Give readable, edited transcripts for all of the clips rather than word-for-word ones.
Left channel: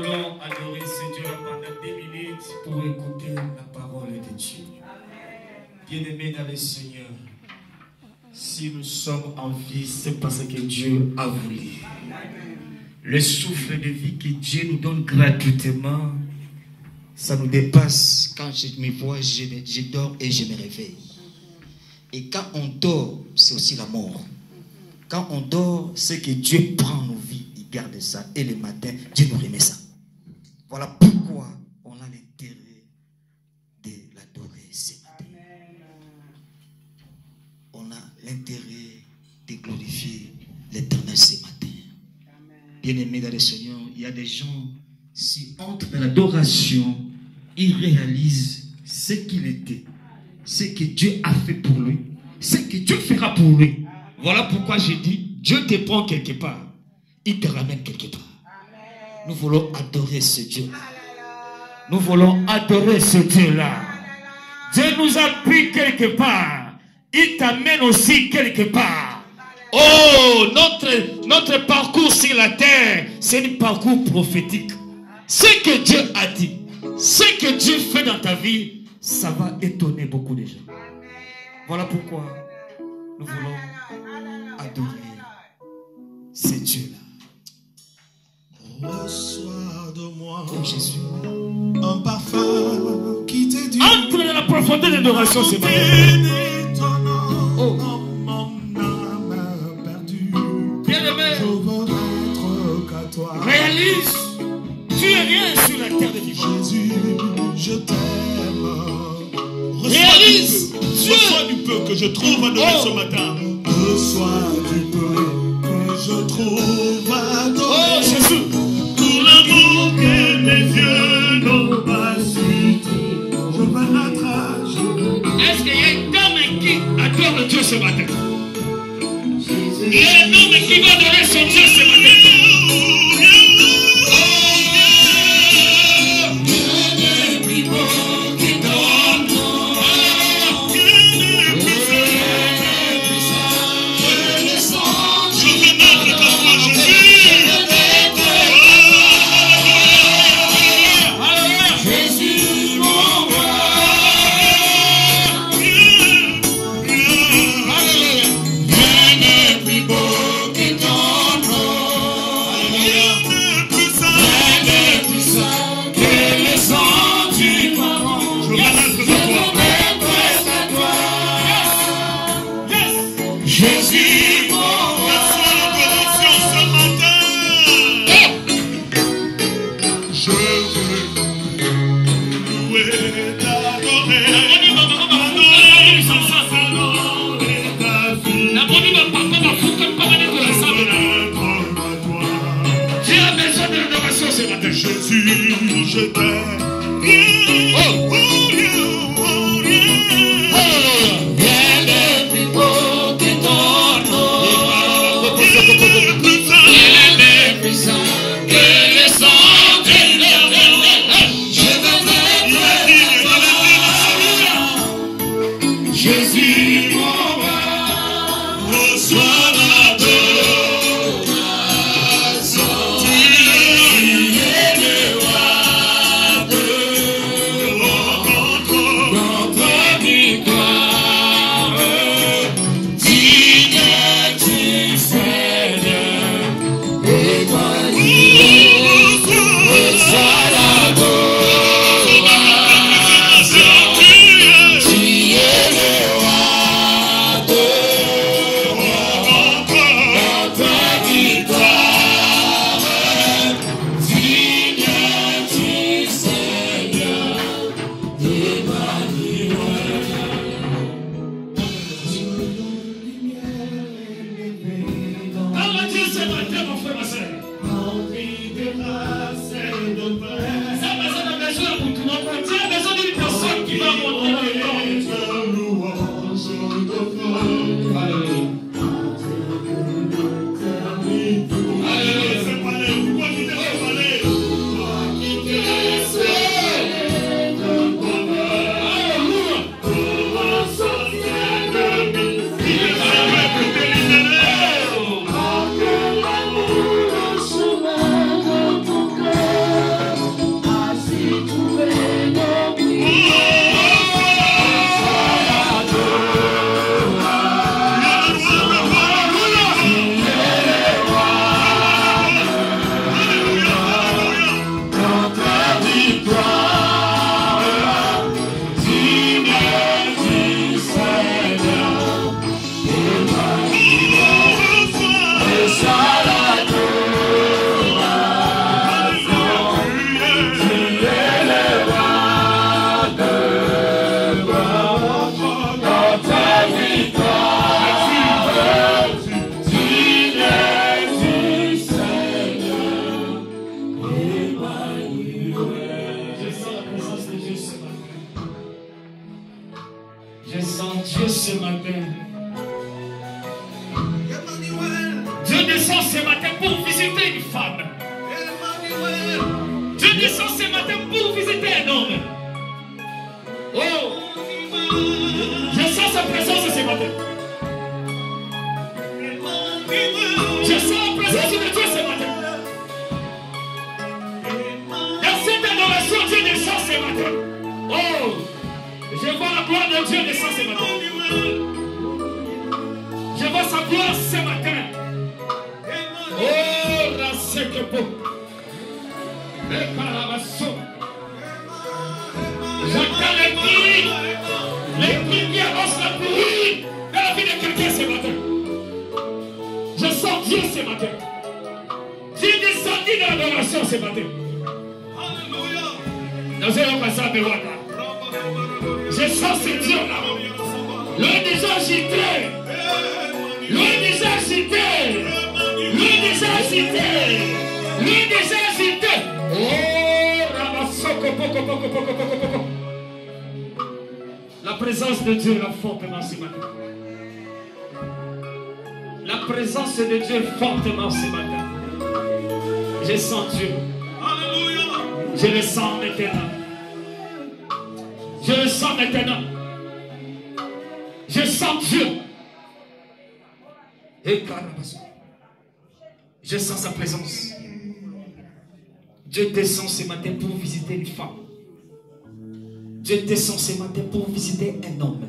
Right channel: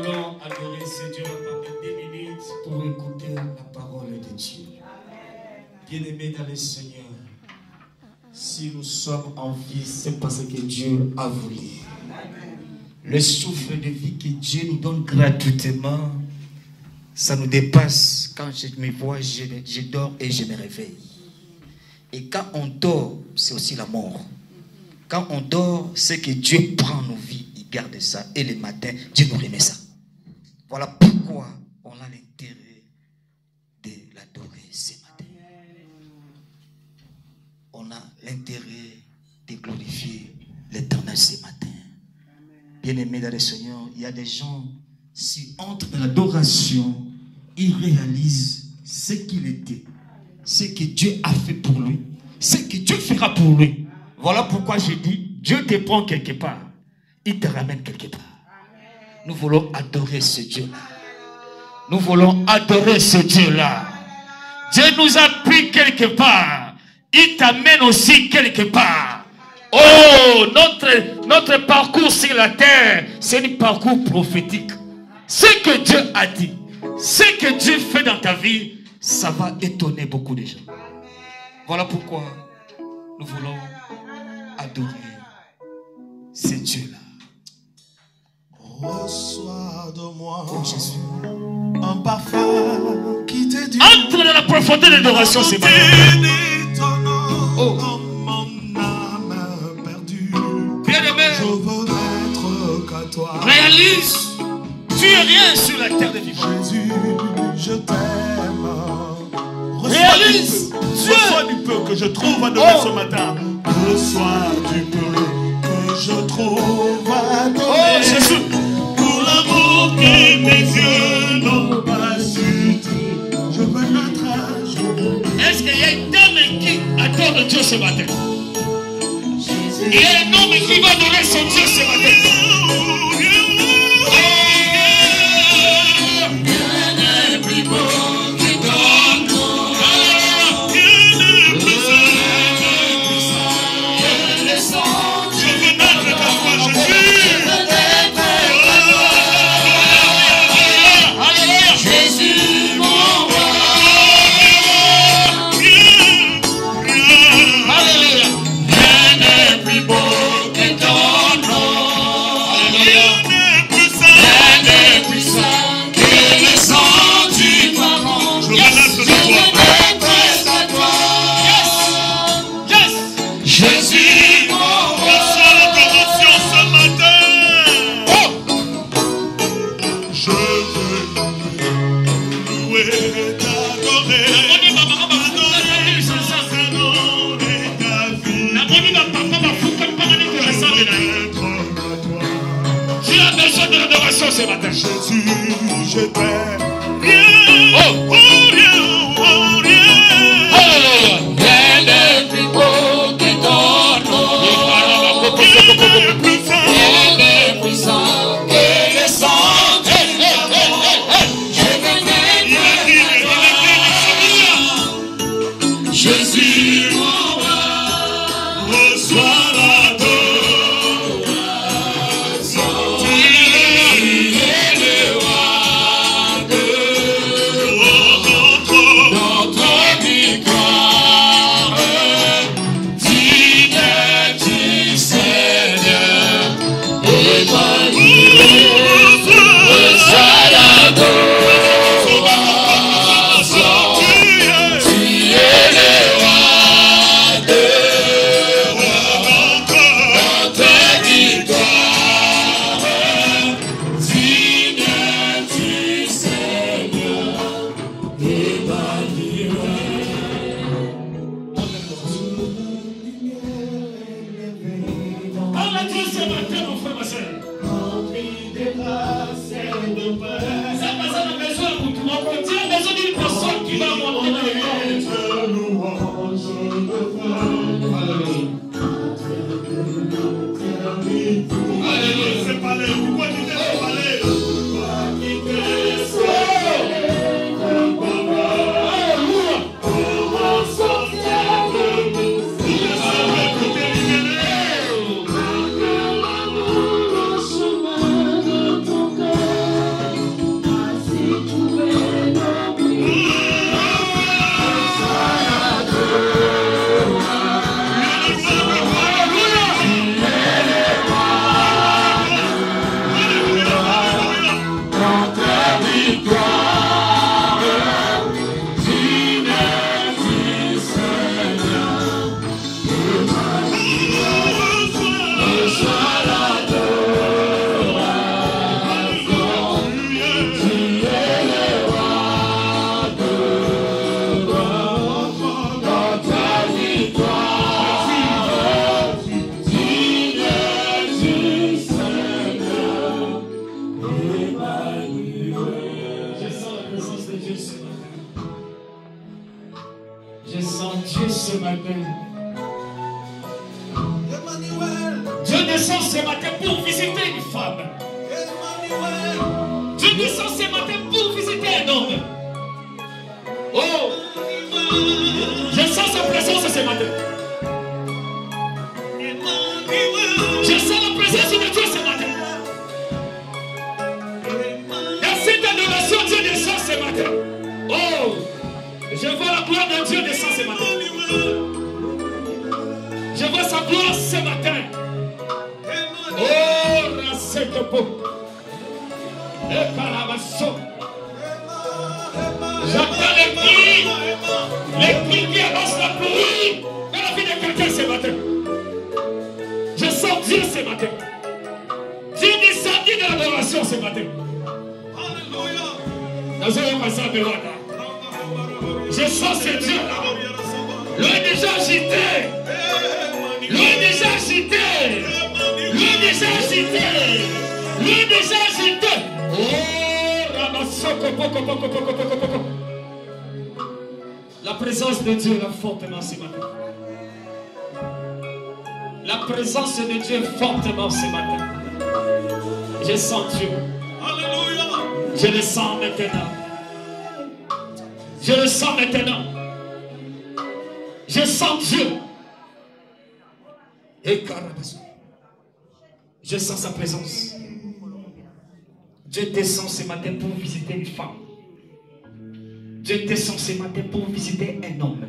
voulons adorer ce Dieu pendant 2 minutes pour écouter la parole de Dieu. Bien-aimés dans le Seigneur, si nous sommes en vie, c'est parce que Dieu a voulu. Le souffle de vie que Dieu nous donne gratuitement, ça nous dépasse. Quand je me vois, je dors et je me réveille. Et quand on dort, c'est aussi la mort. Quand on dort, c'est que Dieu prend nos vies, il garde ça. Et le matin, Dieu nous remet ça. Voilà pourquoi on a l'intérêt de l'adorer ce matin. On a l'intérêt de glorifier l'Éternel ce matin. Bien-aimés dans le Seigneur, il y a des gens, s'ils entrent dans l'adoration, ils réalisent ce qu'il était, ce que Dieu a fait pour lui, ce que Dieu fera pour lui. Voilà pourquoi je dis, Dieu te prend quelque part, il te ramène quelque part. Nous voulons adorer ce Dieu-là. Nous voulons adorer ce Dieu-là. Dieu nous a pris quelque part, il t'amène aussi quelque part. Oh, notre parcours sur la terre, c'est un parcours prophétique. Ce que Dieu a dit, ce que Dieu fait dans ta vie, ça va étonner beaucoup de gens. Voilà pourquoi nous voulons adorer ce Dieu-là. Reçois de moi Jésus. un parfum qui te dit. Entre dans la profondeur de l'adoration, c'est bon. Oh. Réalise, tu es rien sur la terre de vivants. Jésus, je t'aime. Réalise, reçois du peu que je trouve adoré ce matin. Reçois du peu que je trouve adoré. Oh, Jésus. Pour l'amour que tes yeux n'ont pas su. Je veux notre âge. Est-ce qu'il y a une dame qui adore Dieu ce matin? Il y a un homme qui va adorer son Dieu ce matin. Dieu descend ce matin pour visiter une femme. Dieu descend ce matin pour visiter un homme. Oh, je sens sa présence ce matin. Je sens la présence de Dieu ce matin. Dans cette adoration, Dieu descend ce matin. Oh, je vois la gloire de Dieu descendre ce matin. Je vois sa gloire ce matin. Oh, la secopo. Et carabasso. J'entends les cris qui avancent la pluie dans la vie de quelqu'un ce matin. Je sens Dieu ce matin. Dieu est descendu dans l'adoration ce matin. Dans un passage de Waka. Je sens ce Dieu là. Lui déjà agité. Lui déjà agité. Lui déjà agité. Lui déjà agité. Oh, Ramasoko, poko. La présence de Dieu est fortement ce matin. La présence de Dieu est fortement ce matin. Je sens Dieu. Je le sens maintenant. Je le sens maintenant. Je sens Dieu. Et je sens sa présence. Dieu descend ce matin pour visiter une femme. Dieu descend ce matin pour visiter un homme.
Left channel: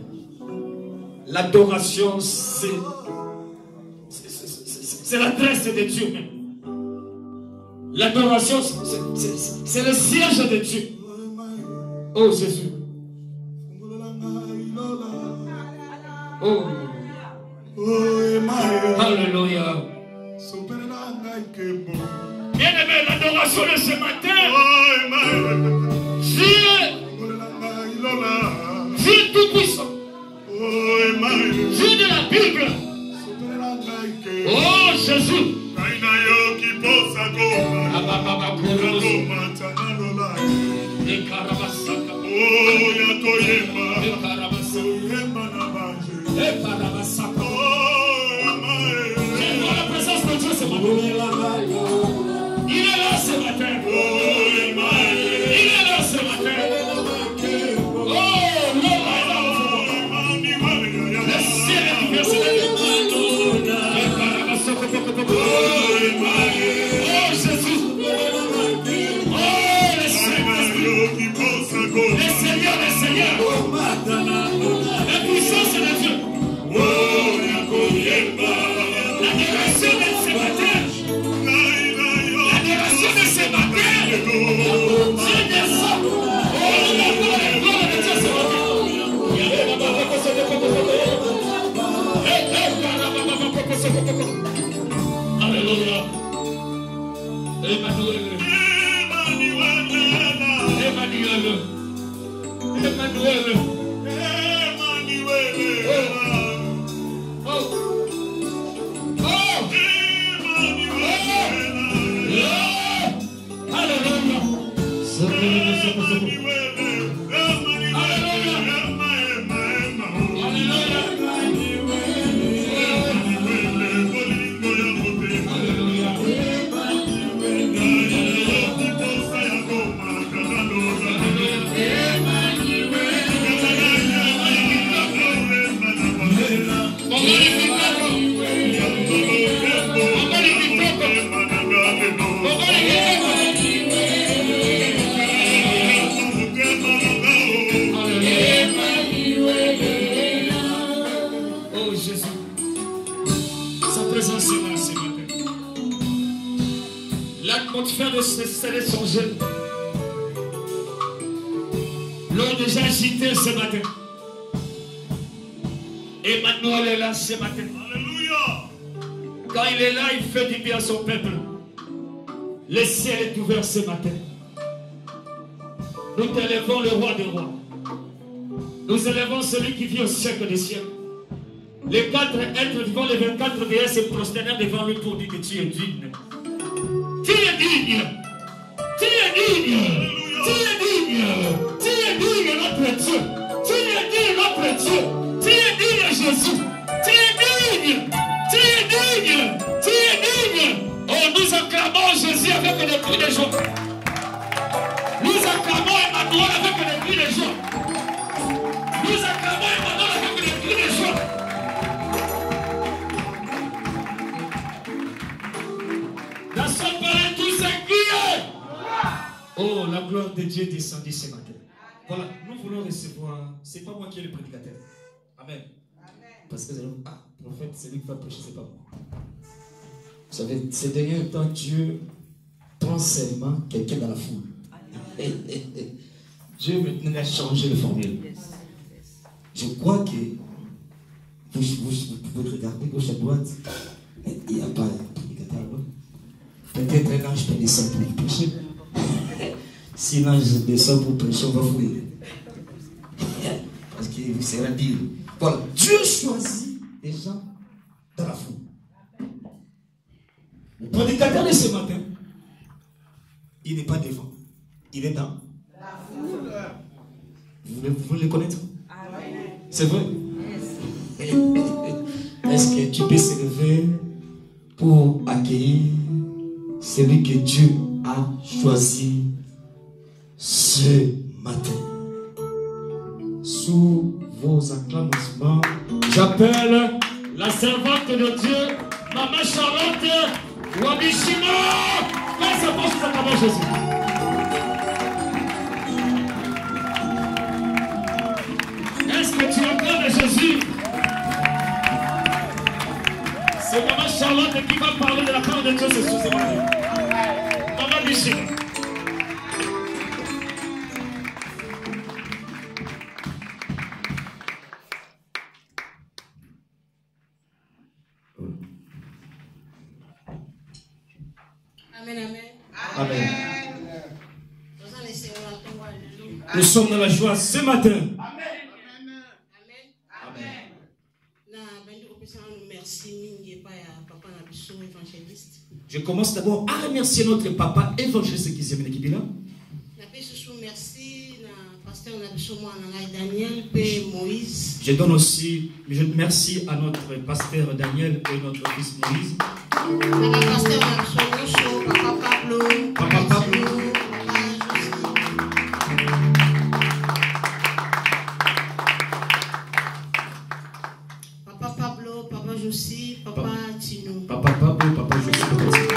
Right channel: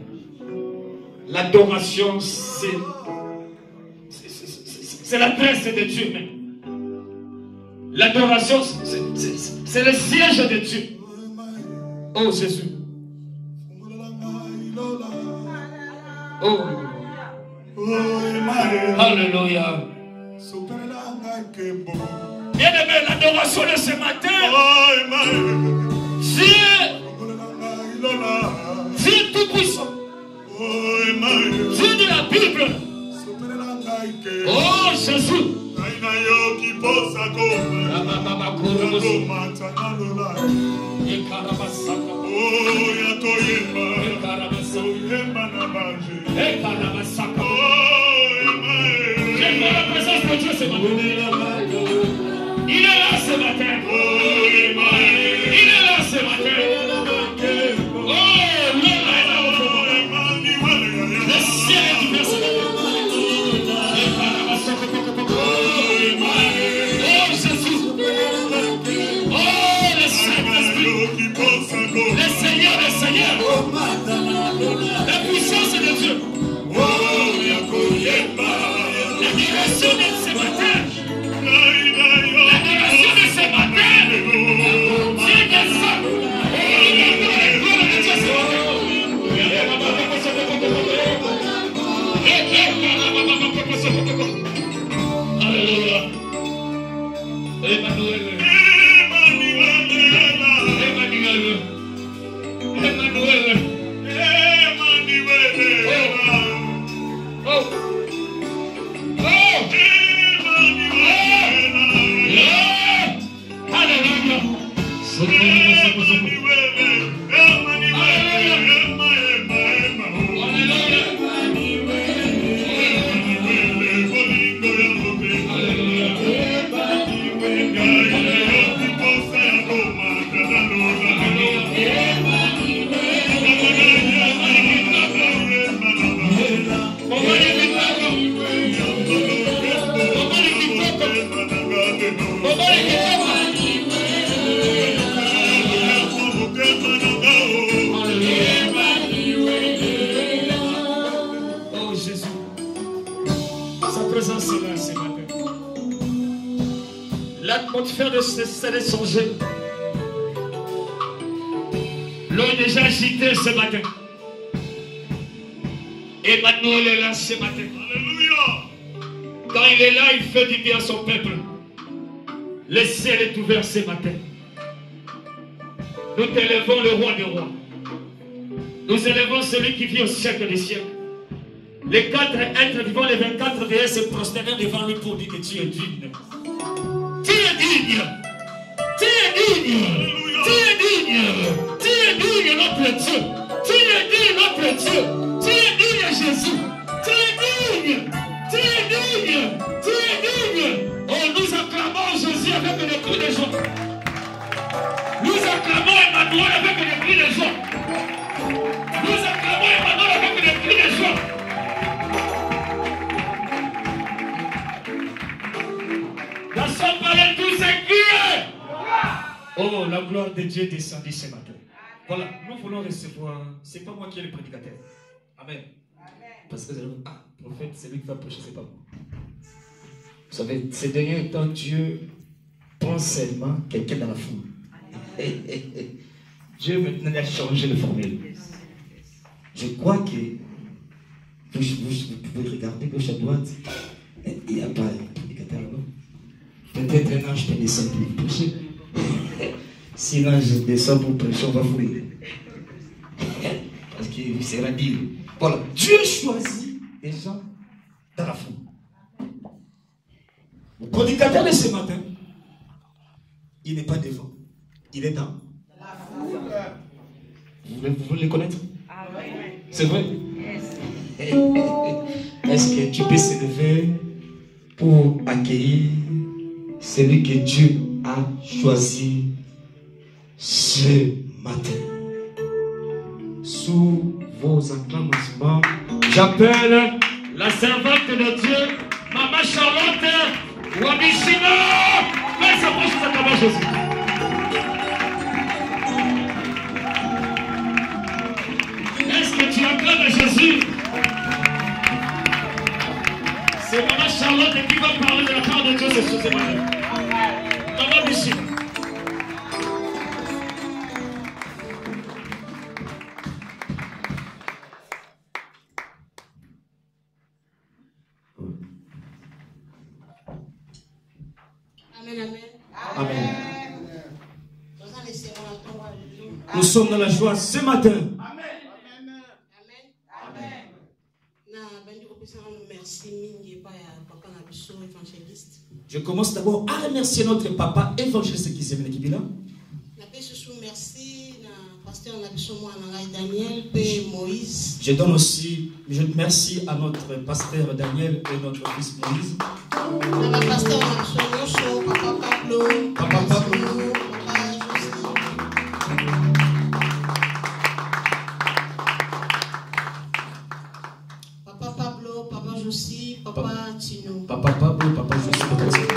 L'adoration, c'est la tresse de Dieu même. L'adoration, c'est le siège de Dieu. Oh Jésus. Oh. Alléluia. Bien-aimé, l'adoration de ce matin. Dieu tout-puissant. Dieu de la Bible. Oh Jésus. J'aime la présence de Dieu ce matin. Il est là ce matin. Il est là ce matin. Oh, l'homme est là. Le ciel est ouvert ce matin. Oh Jésus. Oh le Saint-Esprit. Le Seigneur. La puissance de Dieu. L'adoration de ce matin. L'adoration de ce matin. Dieu descend. Oh, la gloire de Dieu ce matin. Alléluia. Emmanuel. L'atmosphère de ce serait changée. L'eau est déjà agitée ce matin. Emmanuel est là ce matin. Alléluia. Quand il est là, il fait du bien à son peuple. Le ciel est ouvert ce matin. Nous t'élèvons le roi des rois. Nous élèvons celui qui vit au siècle des siècles. Les 4 êtres vivants, les 24 veillants se prosternèrent devant lui pour dire que tu es digne. Tu es digne. Tu es digne. Tu es digne. Tu es digne, notre Dieu. Tu es digne, notre Dieu. Tu es digne, Jésus. louons avec les cris de joie. Nous acclamons Emmanuel avec les cris de joie. Dans son palais, tout s'écrie. Oh, la gloire de Dieu descendit ce matin. Voilà, nous voulons recevoir. C'est pas moi qui est le prédicateur. Amen. Parce que prophète, c'est lui qui va prêcher, c'est pas moi. Vous savez, ces derniers temps, Dieu prend seulement quelqu'un dans la foule. Dieu maintenant a changé de formule. Je crois que vous pouvez regarder gauche à droite. Il n'y a pas de prédicateur là-bas. Peut-être un ange peut descendre pour prêcher. Si l'ange descend pour prêcher, on va fouiller. Parce qu'il vous sera dit. Voilà, Dieu choisit des gens dans la foule. Le prédicateur de ce matin, il n'est pas devant, il est dans la foule. Vous voulez le connaître? C'est vrai? Est-ce que tu peux se lever pour accueillir celui que Dieu a choisi ce matin? Sous vos acclamations, j'appelle la servante de Dieu, Maman Charlotte Wabishina. Fais sa bouche, nous acclamons Jésus. Est-ce que tu acclames Jésus? C'est Maman Charlotte qui va parler de la part de Dieu ce matin. Maman Bishina. Amen. Nous sommes dans la joie ce matin. Je commence d'abord à remercier notre papa évangéliste qui s'est venu qui est là. Je donne aussi, je remercie à notre pasteur Daniel et notre fils Moïse. Papa Pablo. Papa Pablo, Papa Josie, Papa Tino. Papa Pablo, Papa Josie, Papa Tino.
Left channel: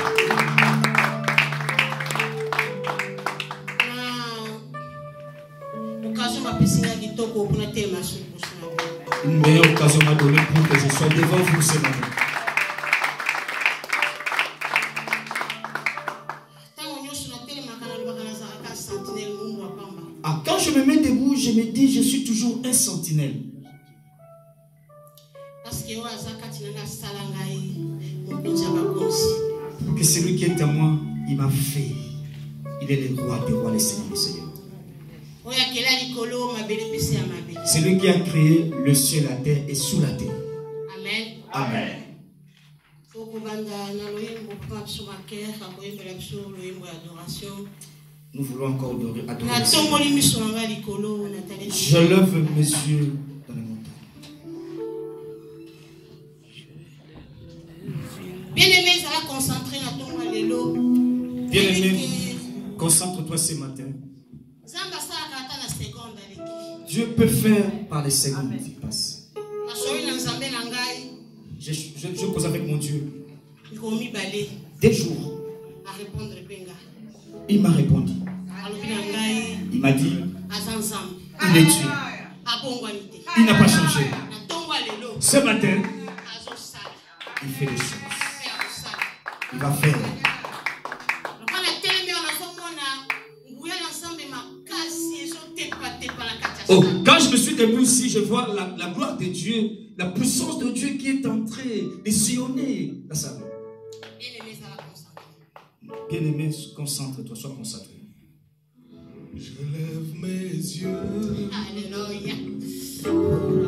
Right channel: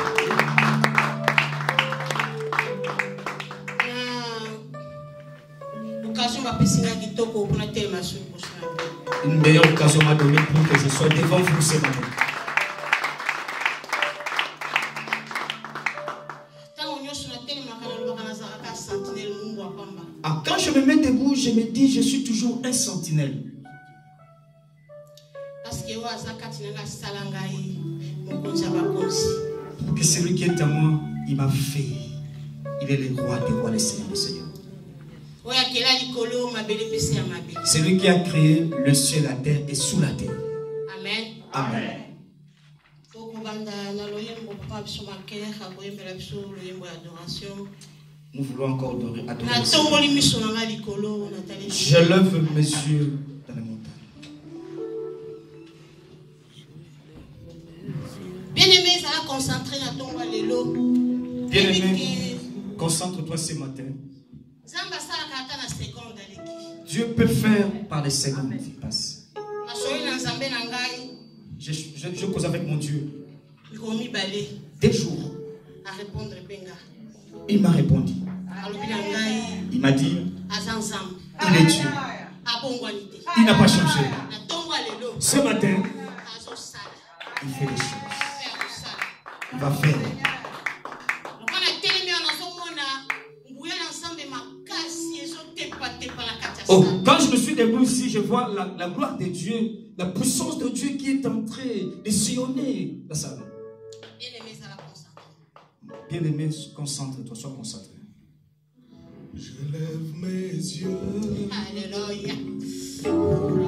Une meilleure occasion m'a donné pour que je sois devant vous ce matin. Quand je me mets debout, je me dis, je suis toujours un sentinelle. Que celui qui est à moi, il m'a fait. Il est le roi des rois, le Seigneur des seigneurs. C'est lui qui a créé le ciel, la terre et sous la terre. Amen. Amen. Nous voulons encore adorer. Je lève mes yeux dans les montagnes. Bien-aimé, ça va concentrer dans ton lélo. Bien-aimé, concentre-toi ce matin. Dieu peut faire par les secondes qui passent. Je cause avec mon Dieu. Des jours. Il m'a répondu. Il m'a dit, il est Dieu. Il n'a pas changé. Ce matin, il fait des choses. Il va faire. Oh, quand je me suis debout ici, je vois la gloire de Dieu, la puissance de Dieu qui est en train de sillonner la salle. Bien-aimé, concentre-toi, sois concentré. Je lève mes yeux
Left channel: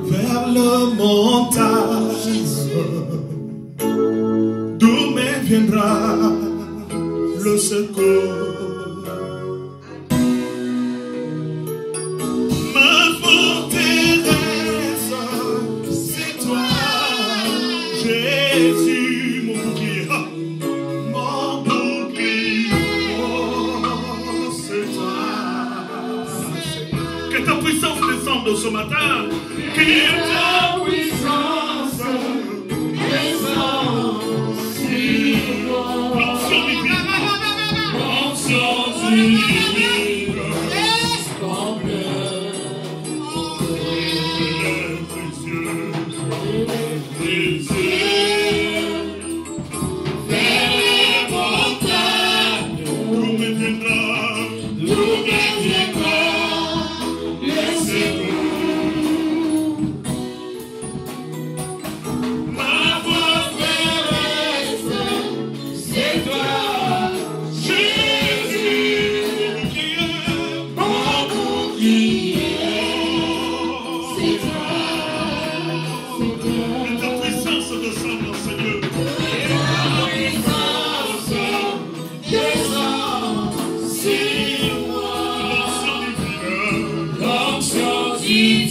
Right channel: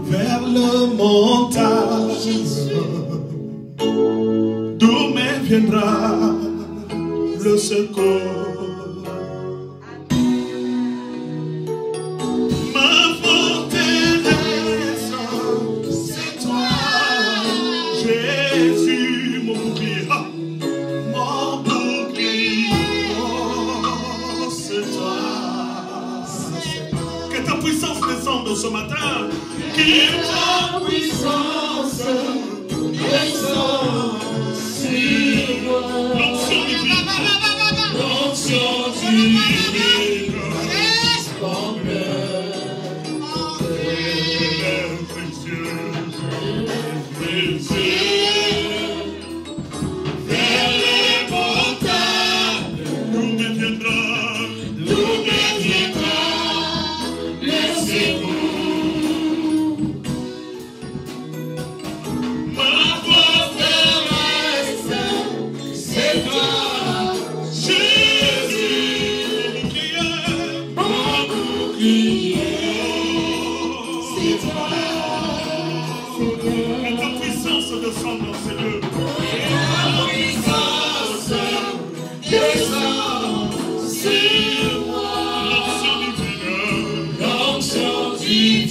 vers le montagne, d'où me viendra le secours. Jésus, mon bouclier, c'est toi. ce matin. Que ta puissance descende sur moi. L'onction divine. L'onction divine.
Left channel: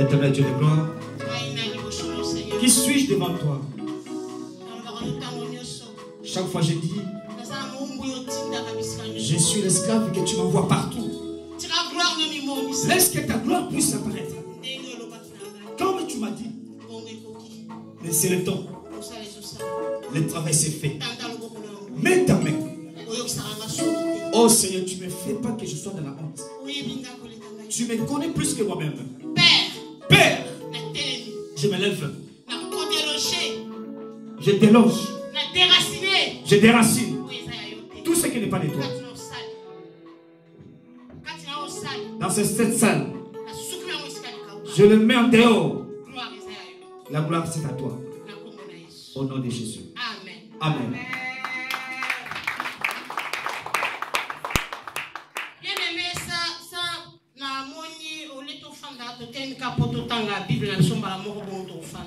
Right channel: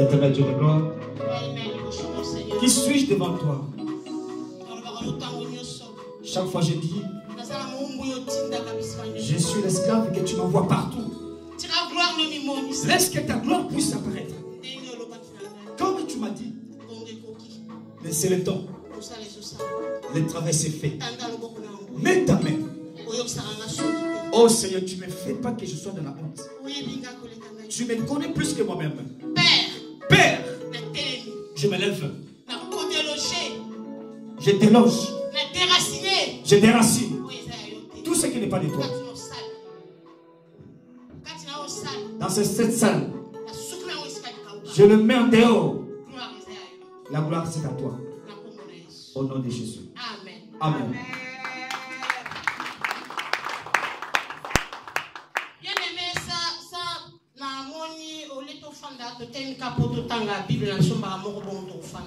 Éternel Dieu de gloire, qui suis-je devant toi? Chaque fois je dis, je suis l'esclave que tu m'envoies partout. Laisse que ta gloire puisse apparaître. Comme tu m'as dit, mais c'est le temps. Le travail s'est fait. Mets ta main. Oh Seigneur, tu ne me fais pas que je sois dans la honte. Tu me connais plus que moi-même. Père, je me lève. Je déloge. Je déracine tout ce qui n'est pas de toi. Dans cette salle, je le mets en dehors. La gloire c'est à toi. Au nom de Jésus. Amen.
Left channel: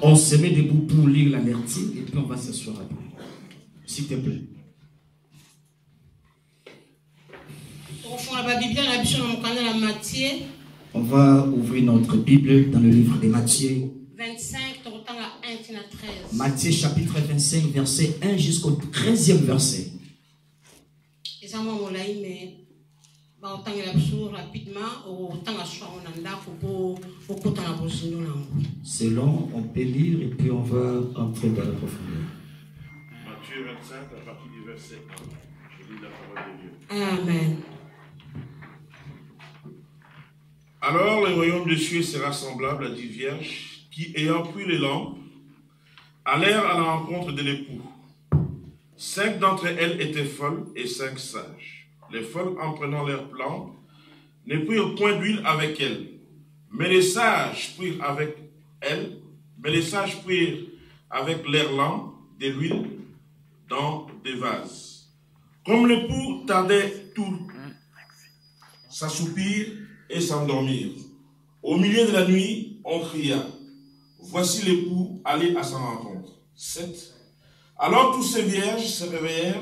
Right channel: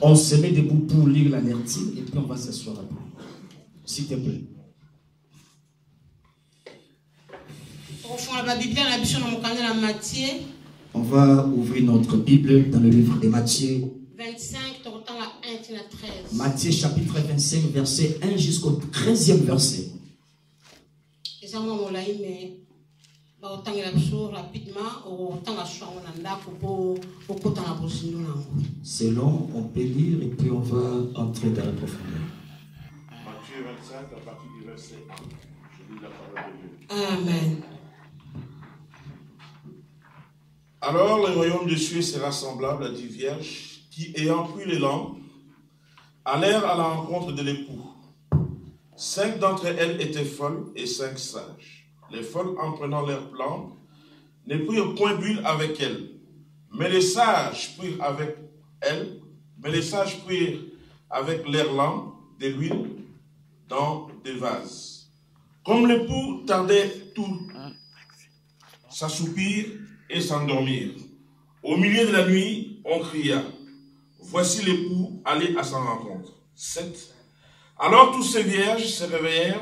On se met debout pour lire la lecture et puis on va s'asseoir après. S'il te plaît. On va ouvrir notre Bible dans le livre de Matthieu. 25, Matthieu chapitre 25, verset 1 jusqu'au 13e verset. Selon, on peut lire et puis on va entrer dans la profondeur. Matthieu 25, à partir du verset 1. Je lis la parole de Dieu. Amen. Alors le royaume des cieux sera semblable à 10 vierges qui, ayant pris les lampes, allèrent à la rencontre de l'époux. 5 d'entre elles étaient folles et 5 sages. Les folles, en prenant leurs lampes, ne prirent point d'huile avec elles, mais les sages prirent avec leurs lampes de l'huile dans des vases. Comme l'époux tardait, tout s'assoupir et s'endormir. Au milieu de la nuit, on cria, voici l'époux, allez à sa rencontre. 7. Alors tous ces vierges se réveillèrent